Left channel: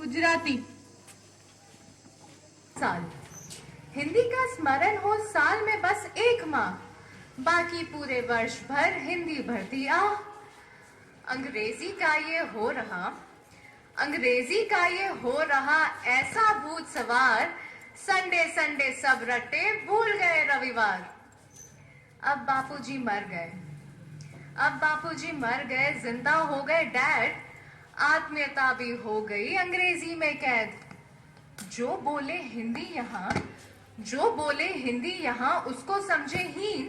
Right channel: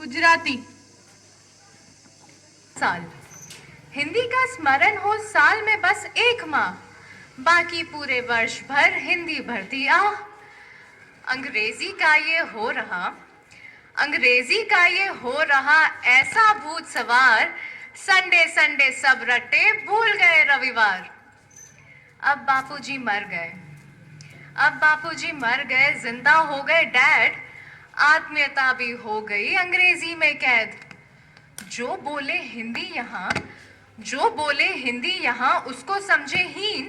गुजराती। साल। हिंदी का स्मरण हो साल में बस एक माह, बाकी पूरे वर्ष भर हिंदी भरती आह। अंग्रेजी का ये हो रहा ऐसा भूत सवार, संडे संडे सब रट्टे भूल गए रविवार। अब बापूजी मर गए, जिंदा हो गए डैड, आत्मीयता भी हो गई अंग्रेजी में कैद। जो बोले हिंदी यहाँ उसको समझे हीन।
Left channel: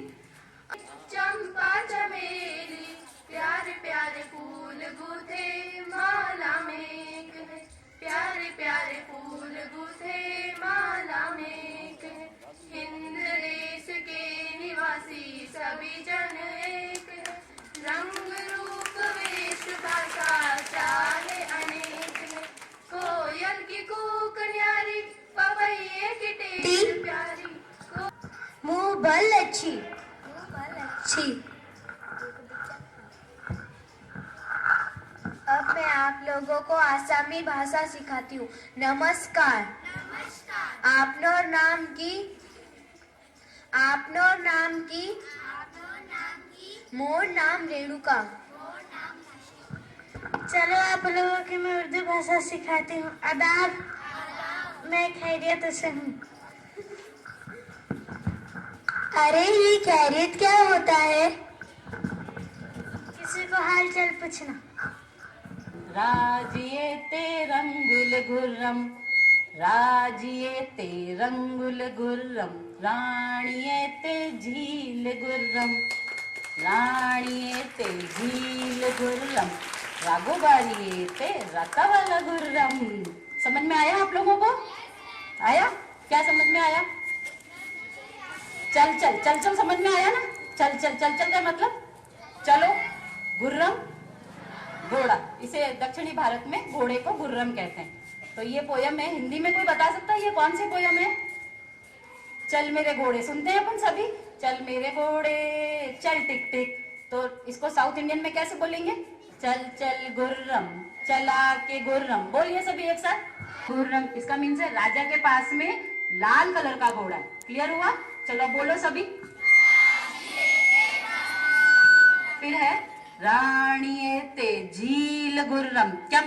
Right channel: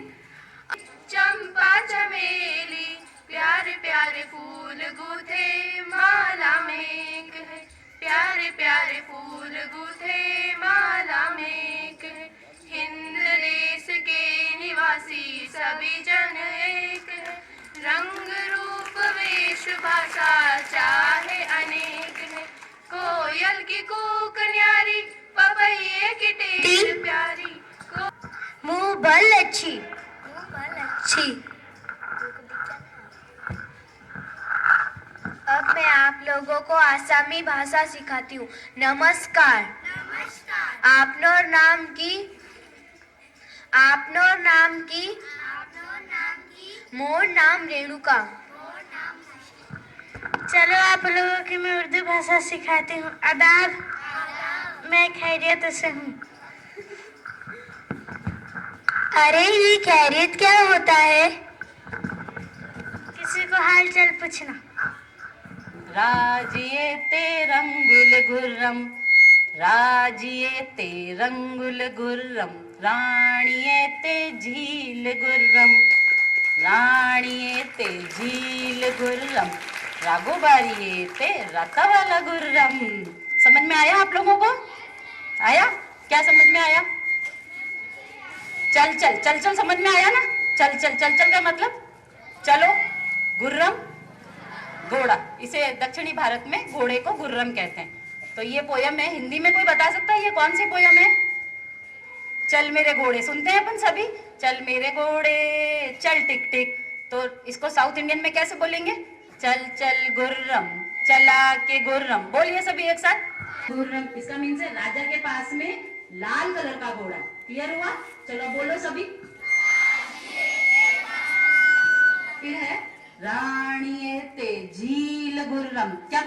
चंपा चमेली प्यारे प्यारे फूल गूथे माला में एक है, प्यारे प्यारे फूल गूथे माला में एक है। हिंद देश के निवासी सभी जन एक है, रंग रूप वेश भाषा चाहे अनेक है। कोयल की कूक न्यारी, पपैये की टेर प्यारी। मुँह बल अच्छी। अब मैं आप लोगों को आसामी भाषा सिखाती हूँ। नमस्कार। आपनोर नाम की मोर नाम रेणुका। चलो आप लोगों की मैं उर्दू भाषा सिखाती हूँ। आदाब। मैं खैरियत से हूँ। अरे ये खैरियत क्या होता है? किसी को हाल चाल पूछना। राजिए ते रंगुल गुर्रम, राजिए ते रंगुल गुर्रम, राणिये ते झील गुर्रम, राणिये ते झील गुर्रम, राघोबारिये ते रतवाला गुर्रम। समझ में आया आप लोगों को? आया? क्या समझ में आया? चल चल चल चल समझ में आया ना? चल चल चल चल का मतलब चलो, गुर्रम घोड़ा, इसे दक्षिणी भारत में घोड़े को गुर्रम कहते हैं। तो ये पोयम है, हिंदी में कोई बता सकता है ये कौन सी पोयम है? चल मेरे घोड़े सुनते हैं अपन सभी, चल मेरे घोड़े चल टिक टिक। तो इसको साउथ इंडियन में कैसे बोलेंगे? चल चल गुर्रम चला के गुर्रम। बोलिए सभी एक साथ, गुर्रम। इसका मीन्स है राजा के पास में लाल कलर का घोड़ा। क्लियर हुआ? चलो बोलो सभी। फिर है राणिये ते झील गुर्रम। क्या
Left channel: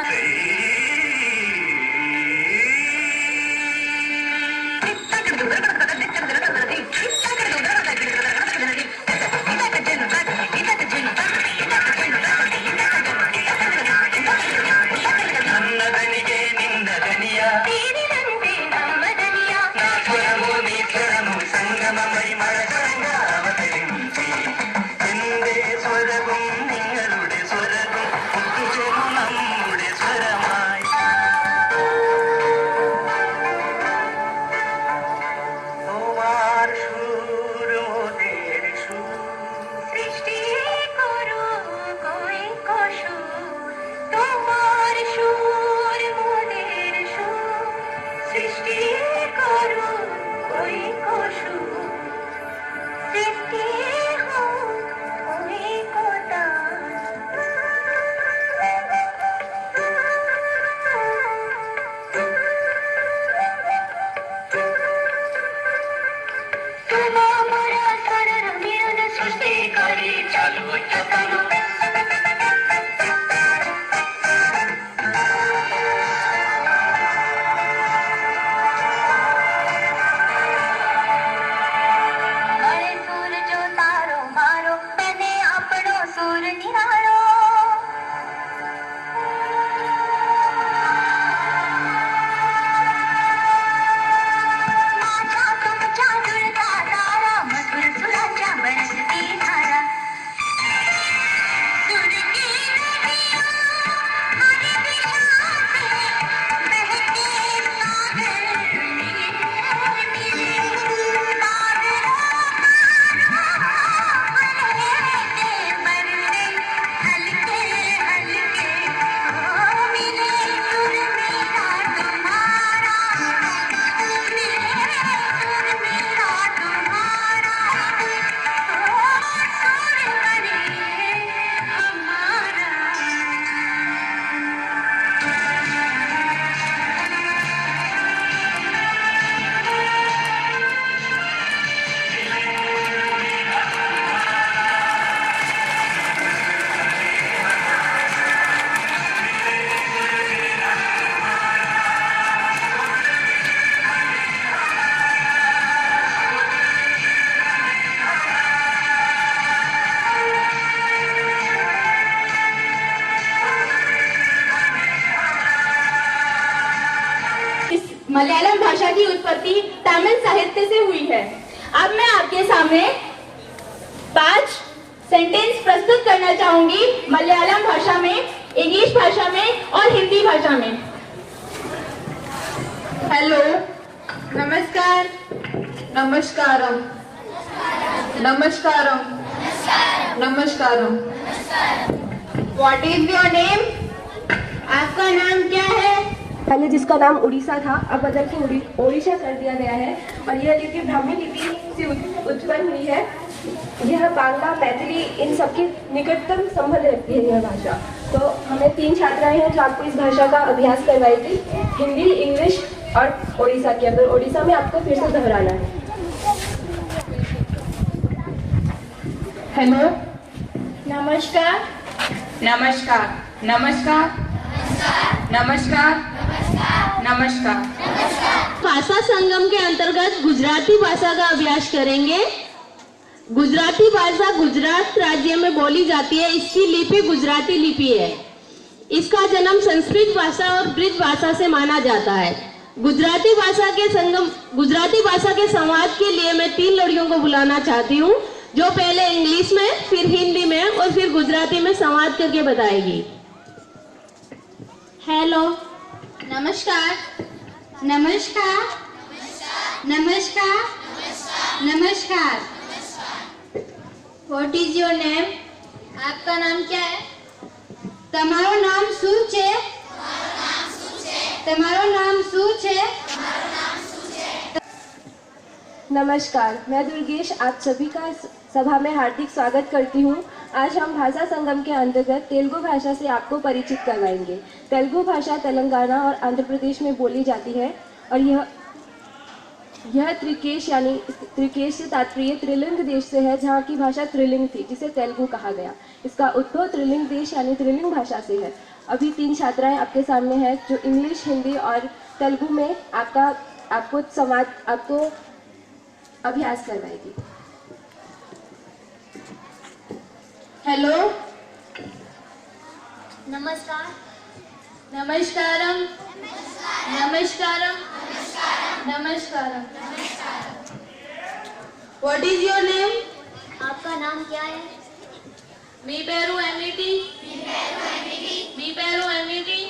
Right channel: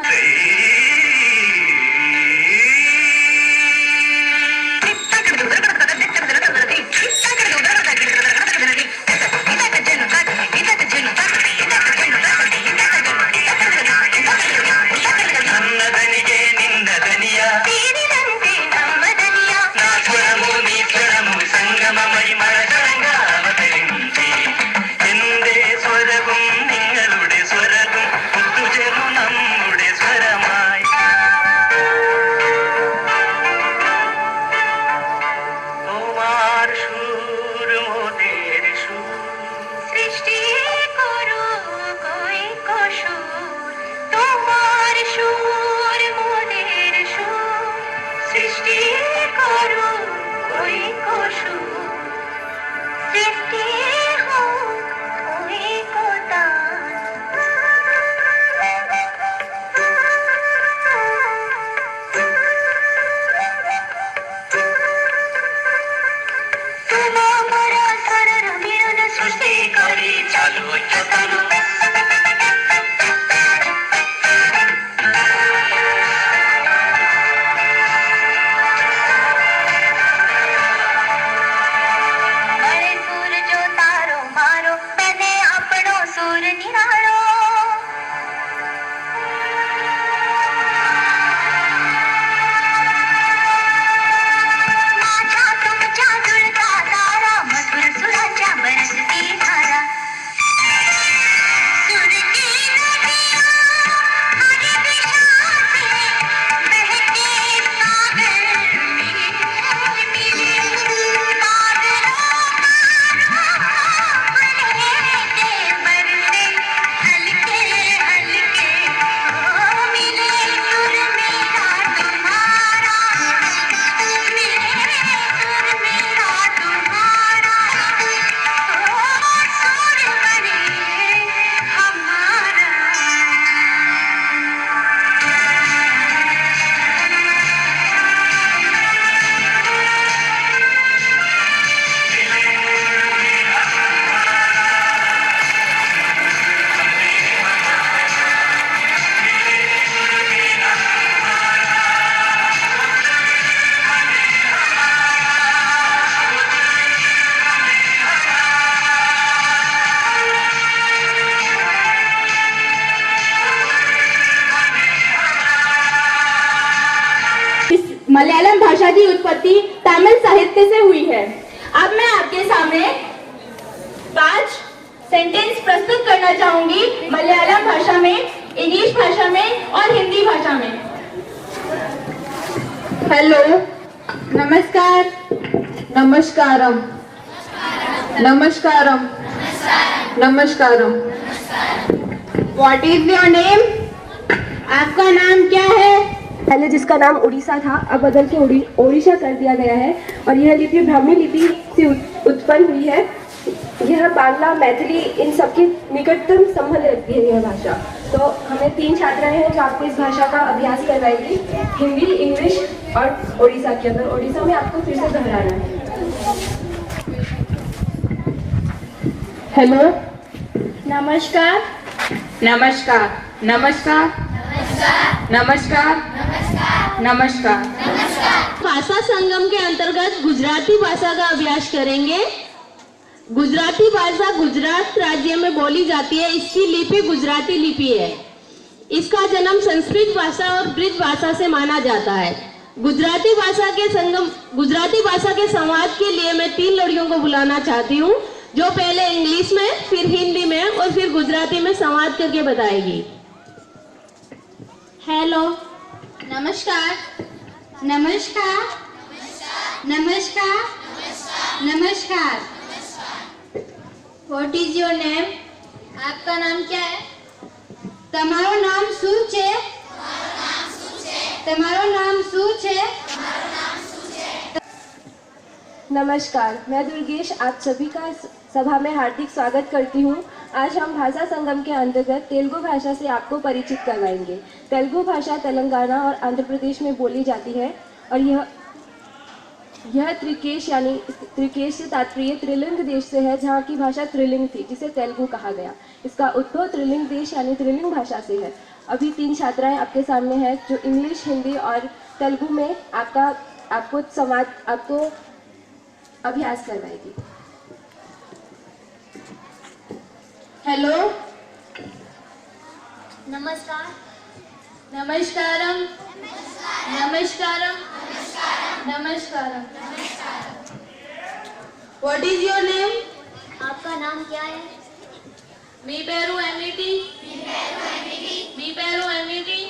मलयालम भाषा की उत्पत्ति तमिल साहित्य से हुई है। अब मैं आपके सामने 5 सेंटेंस प्रस्तुत करना चाहूंगी मलयालम भाषा में, इंग्लिश भाषा में और हिंदी भाषा में। हेलो, नमस्कार, नमस्कारम, नमस्कारम, नमस्कारम। What is your name? आपका नाम क्या है? पहले जिसका नाम उड़ीसा था अब बदल के ओडिशा कर दिया गया है और यह लिपि ब्राह्मी लिपि से उत्पन्न हुई है। यह बांग्ला, मैथिली इन सबके निकटतम संबंध रखती है यह भाषा। तो हमें 3 छात्राएं हैं जो आपको इस भाषा का अभ्यास करवाएंगी, हिंदी, इंग्लिश और ओडिशा के अंदर। ओडिशा में आपको फिर से दोहराना है। हेलो, नमस्कार, नमस्कार, नमस्कार, नमस्कार, नमस्कार। भाषा संगम के अंतर्गत गुजराती भाषा का अभ्यास करेंगे। गुजराती भाषा गुजरात राज्य में बोली जाती है। इसकी लिपि गुजराती लिपि है। इसका जन्म संस्कृत भाषा और ब्रिज भाषा से माना जाता है। गुजराती भाषा के संवाद के लिए मैं 3 लड़कियों को बुलाना चाहती हूँ जो पहले इंग्लिश में, फिर हिंदी में और फिर गुजराती में संवाद करके बताएगी। हेलो, नमस्कार, नमस्कार, नमस्कार, नमस्कार। What is your name? आपका नाम क्या है? તમારું નામ શું છે? તમારું નામ શું છે? नमस्कार, मैं दुर्गेश आप सभी का सभा में हार्दिक स्वागत करती हूँ। आज हम भाषा संगम के अंतर्गत तेलुगु भाषा से आपको परिचित करवाएंगे। तेलुगु भाषा तेलंगाना और आंध्र प्रदेश में बोली जाती है और यह त्रिकेश यानी त्रिकेश से तात्पर्य त्रिलिंग देश से है, जहाँ की भाषा त्रिलिंग थी जिसे तेलुगु कहा गया। इसका उद्भव त्रिलिंग देश यानी त्रिलिंग भाषा से है। अभी 3 छात्राएं आपके सामने हैं जो इंग्लिश, हिंदी और तेलुगु में आपको अभ्यास करवाएगी। हेलो, नमस्कार, नमस्कारम, नमस्कारम, नमस्कारम। What is your name? आपका नाम क्या है? मी पेरू एमिटी, मी पेरू एमिटी।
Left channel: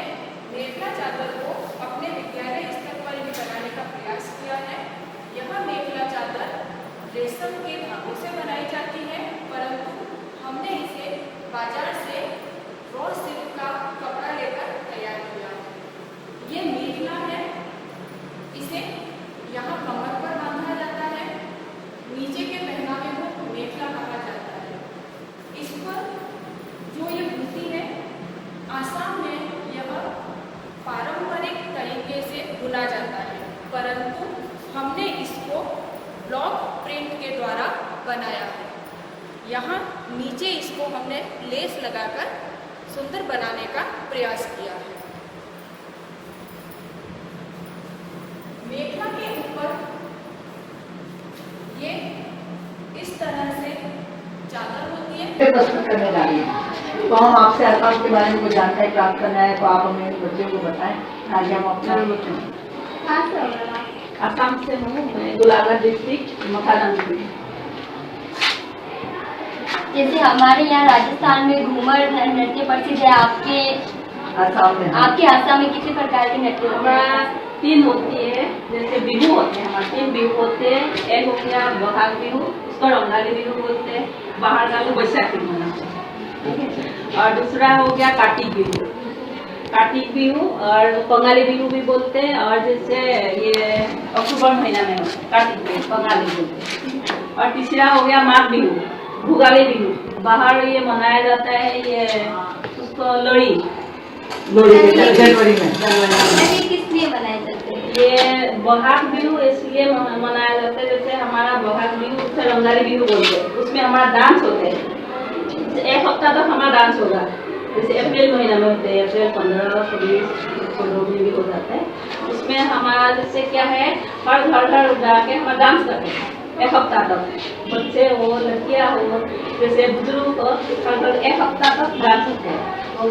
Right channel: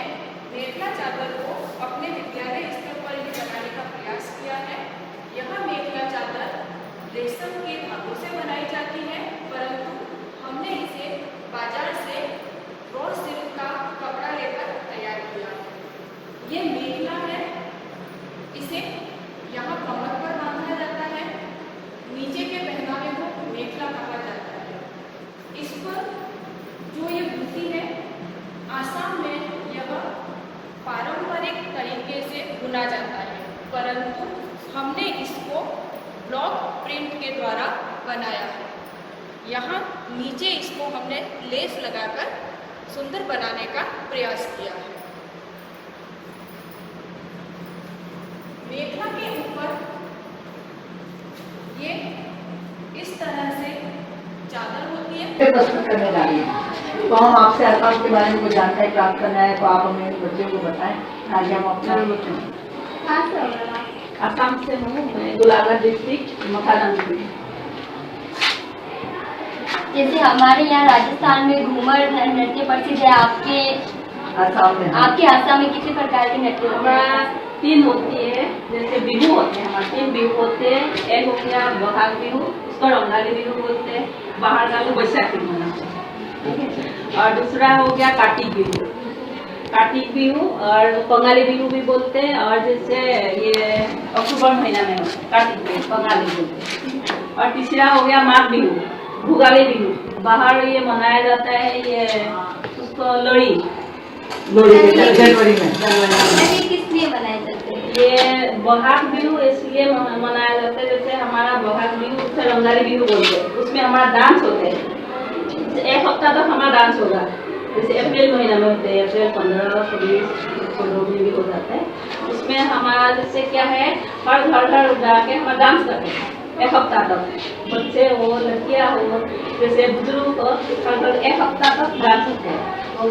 हमने मेखला चादर को अपने विद्यालय स्तर पर ही बनाने का प्रयास किया है। यह मेखला चादर रेशम के धागों से बनाई जाती है, परंतु हमने इसे बाजार से रॉ सिल्क का कपड़ा लेकर तैयार किया है। ये मेखला है, इसे यहाँ कमर पर बांधा जाता है, नीचे के पहनावे को मेखला कहा जाता है। इस पर जो ये बुनती है, आसाम में यह पारंपरिक तरीके से बुना जाता है, परंतु हमने इसको ब्लॉक प्रिंट के द्वारा बनाया है। यहाँ नीचे इसको हमने लेस लगाकर सुंदर बनाने का प्रयास किया है। मेखला के ऊपर ये इस तरह से चादर होती है। प्रस्तुत करने जा रही है, तो हम आपसे आसाम के बारे में कुछ जानकारी प्राप्त करना है, तो आप हमें बच्चों को बताएं। आगे हम अपना आसाम से हूँ मैं, गोलाघाट डिस्ट्रिक्ट मखाना। जैसे हमारे यहाँ राजस्थान में घूमर नृत्य प्रसिद्ध है, आपके आसाम में आसाम में किसी प्रकार के नृत्य होते हमारा हैं? 3 होती है, जैसे बिहू होते हैं, हमारे 3 बिहू होते हैं। एक हो गया बहाग बिहू, उसको रंगाली बिहू बोलते हैं, बाहर का लोग बैसाखी मनाते हैं, ठीक है। और दूसरा हो गया कार्तिक बिहू, कार्तिक बिहू और बंगाली बिहू भी बोलते हैं। और जैसे ये अक्टूबर महीना में कार्तिक बिहू बंगाली बोलते हैं। और तीसरा हो गया माघ बिहू, भुगाली बिहू, बाहर ये मनाया जाता है, ये उसको लोहड़ी जनवरी में। ये किस लिए मनाए जाते हैं? ये बहाग बिहू इसलिए मनाया जाता है, जैसे हमारा बहाग बिहू उसे रंगाली बिहू बोलते हैं, उसमें हमारा डांस होते हैं। 1 हफ्ता तक हमारा डांस होगा, जैसे अप्रैल महीना में होते हैं, अप्रैल 15, 26, 16 में भी हो जाता है। उसमें हमारा जैसे क्या है, हर घर जाके हम डांस करते हैं 1 हफ्ता तक, बच्चे हो लड़कियाँ हो जैसे बुजुर्ग हो, हर घर 1 हफ्ता तक डांस होते हैं, तो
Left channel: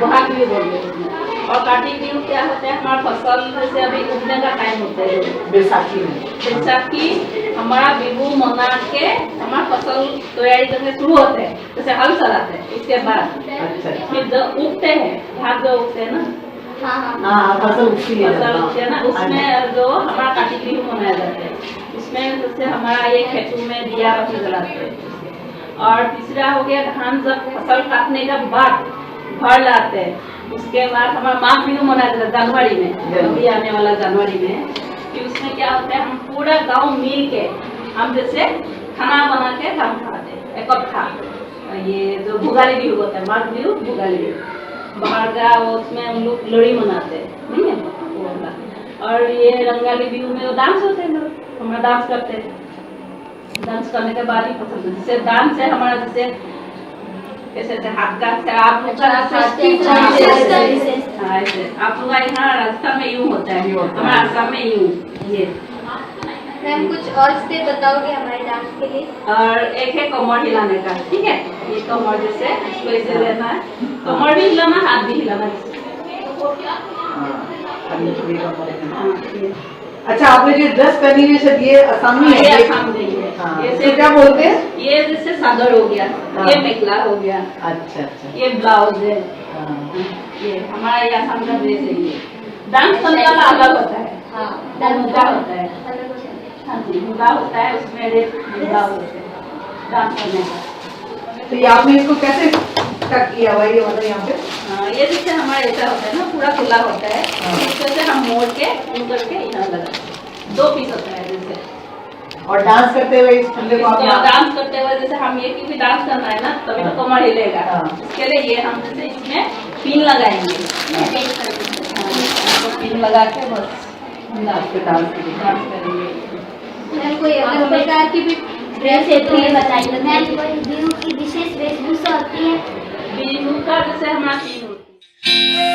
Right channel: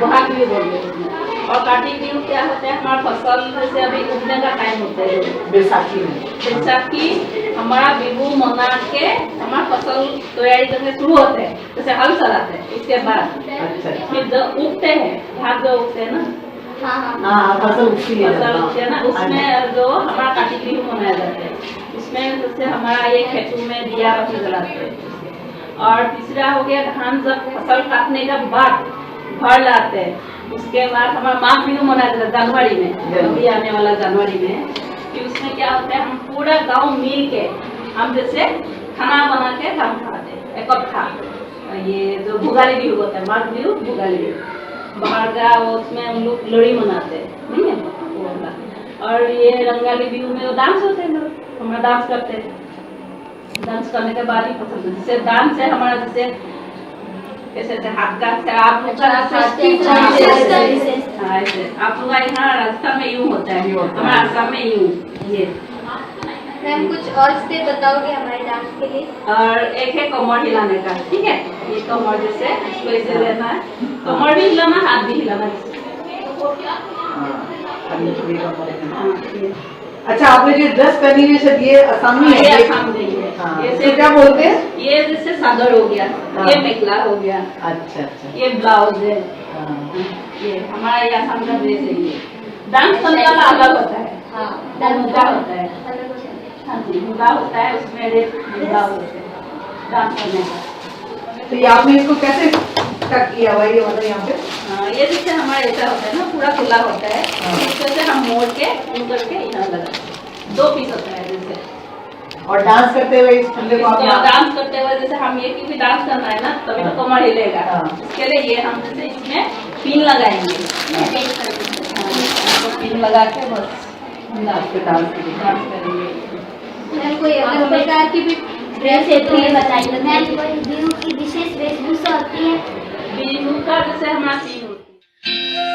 बहाग बिहू बोलते हैं उसमें। और कार्तिक बिहू क्या होता है, हमारा फसल जैसे अभी उगने का टाइम होता है, बैसाखी में। बैसाखी हमारा बिहू मना के हमारा फसल तैयारी करने शुरू होते हैं, जैसे हल चलाते हैं, उसके बाद अच्छा, फिर जो उगते हैं, धान जो उगते हैं ना, हाँ फसल उगती है फसल उगते हैं ना, उसमें जो हमारा कार्तिक बिहू मनाया जाता है, उसमें जैसे हमारा ये खेतों में दिया बत्ती जलाते हैं। और तीसरा हो गया धान जब फसल काटने के बाद घर लाते हैं, उसके बाद हमारा माघ बिहू मनाया जाता है जनवरी में, अभी आने वाला जनवरी में। फिर उसमें क्या होता है, हम पूरा गांव मिल के हम जैसे खाना बना के हम खाते हैं इकट्ठा। ये जो भुगाली बिहू होता है, माघ बिहू भुगाली बिहू, बाहर का उसमें हम लोग लोहड़ी मनाते हैं, नहीं है वो वाला। और ये रंगाली बिहू में डांस होते हैं, लोग हमारा डांस करते हैं, डांस करने के बाद ही पसंद, जैसे डांस है हमारा, जैसे कैसे हाथ का आप लोग का यहाँ राजस्थान में यूं होता है, हमारा आसाम में यूं ये। मैम कुछ और से बताओगे हमारे डांस के लिए? और एक है कमर हिलाने का, ठीक है, ये कमर जैसे इसको ऐसे लेना है, कमर भी हिलाना, हाथ भी हिलाना। अच्छा, आपने जो ड्रेस पहनी हुई है ये असमी है? ये असम नहीं है, हाँ, ये तो क्या बोलते हैं? ये जैसे सागर हो गया, हाँ। ये मेखला हो गया, अच्छा अच्छा, ये ब्लाउज है, हाँ। ये हमारा ये असम का ड्रेस है। ये डांस करने वाला अलग होता है, मुद्दा होता है, हाँ जी मुद्दा होता है, उसमें रेत मुद्दा होता है डांस करने का। तो ये आपने इसको कैसे कट किया हुआ है, ये मतलब यहाँ पे? हाँ, ये जैसे हमारा ऐसा होता है ना, पूरा खुला होता है, इस तरह से हम मोड़ के यूं करके यहाँ लगा, 2 पीस होता है जैसे। और डांस करते हुए इस खुले को आप इसको डांस करते हुए जैसे हम ये क्योंकि डांस करना है ना, तभी तो कमर हिलेगा, हाँ। इसके लिए ये हम जैसे इसमें पिन लगाएंगे, पिन लगा के बस डांस के डांस के लिए डांस करेंगे। मैम कोई अलग प्रकार की भी ड्रेस है तो ये बताइए। मैम कोई बिहू की विशेष वेशभूषा होती है? बिहू का जैसे हमारा 3 होती है।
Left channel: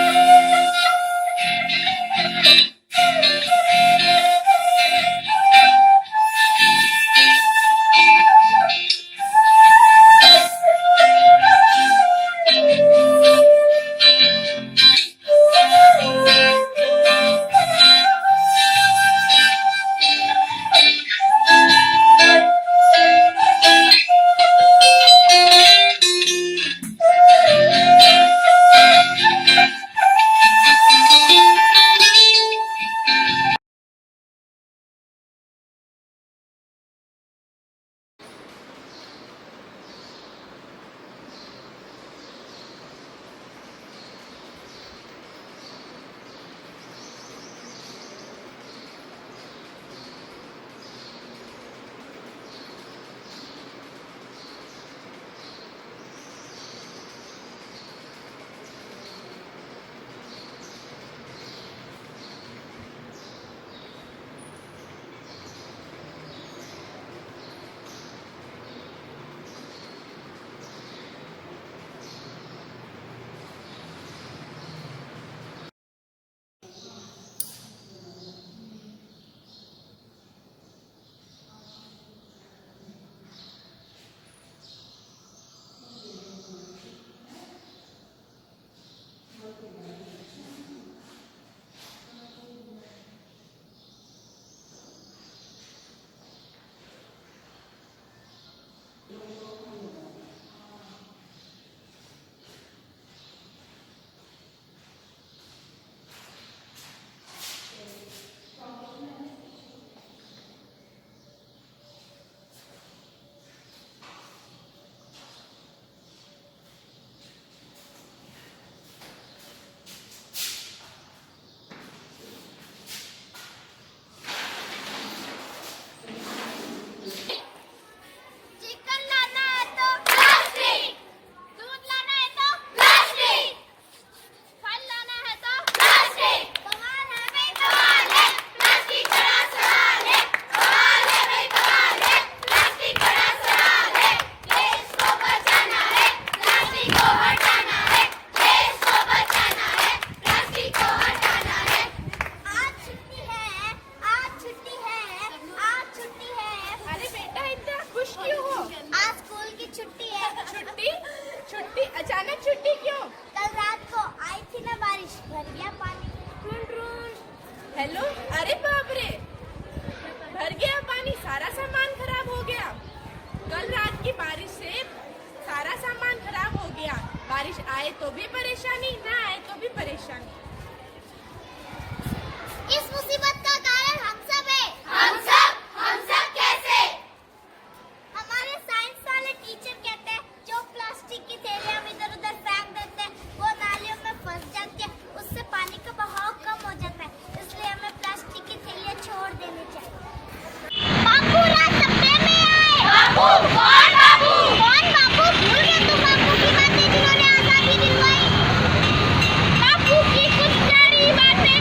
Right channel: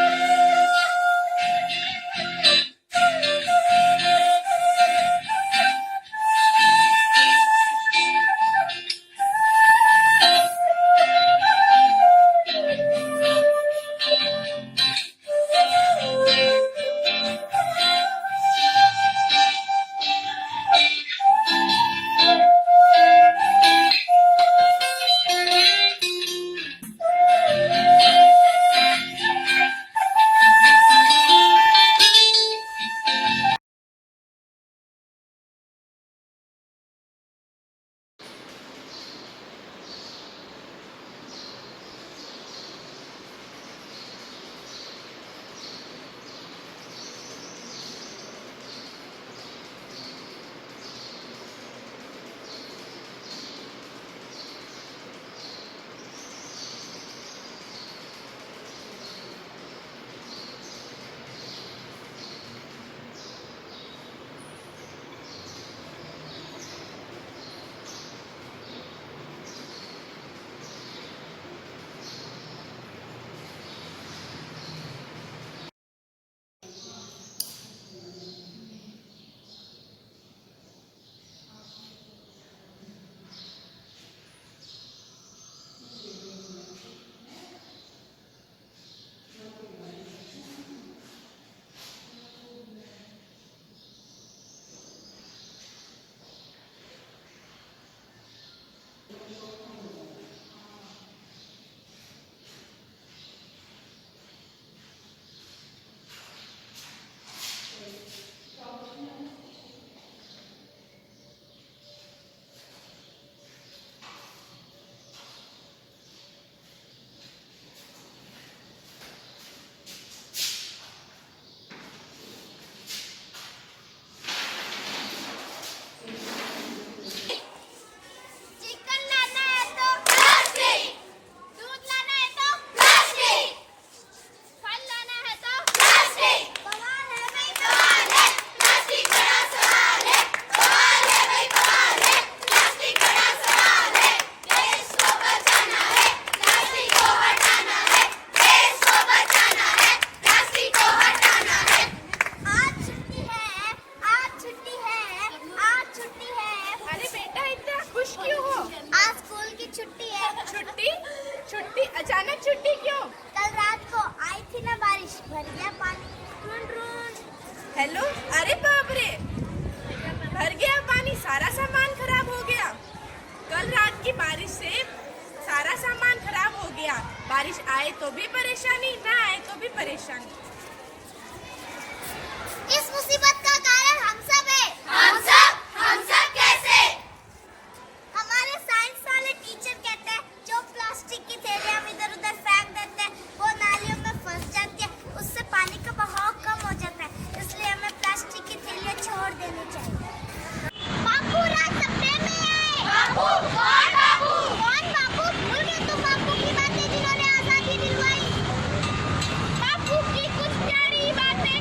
हेलो, अरे बाप रे, भर गया पानी, सारा सामान खराब हो गया। कल रात की बारिश से सारा सामान खराब हो गया। बारिश आए तो भी परेशानी, ना आए तो भी परेशानी। इस मुसीबत का कारण हम सब है। हम सब कैसे? हमारे साइंस वाले टीचर कहते हैं जो प्लास्टिक की थैलियां हम इधर उधर फेंक देते हैं वो नालियों में फंस जाती है, उससे पानी का बहाव कम हो जाता है, इसलिए हमें प्लास्टिक की थैलियां छोड़ देनी चाहिए। बापू रात सपने में आए। बापू कौन बापू? भूल गए तुम बापू की बातें जिन्होंने आजादी दिलवाई? बापू की कुछ प्यारी बातें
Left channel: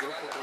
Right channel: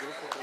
दो फोटो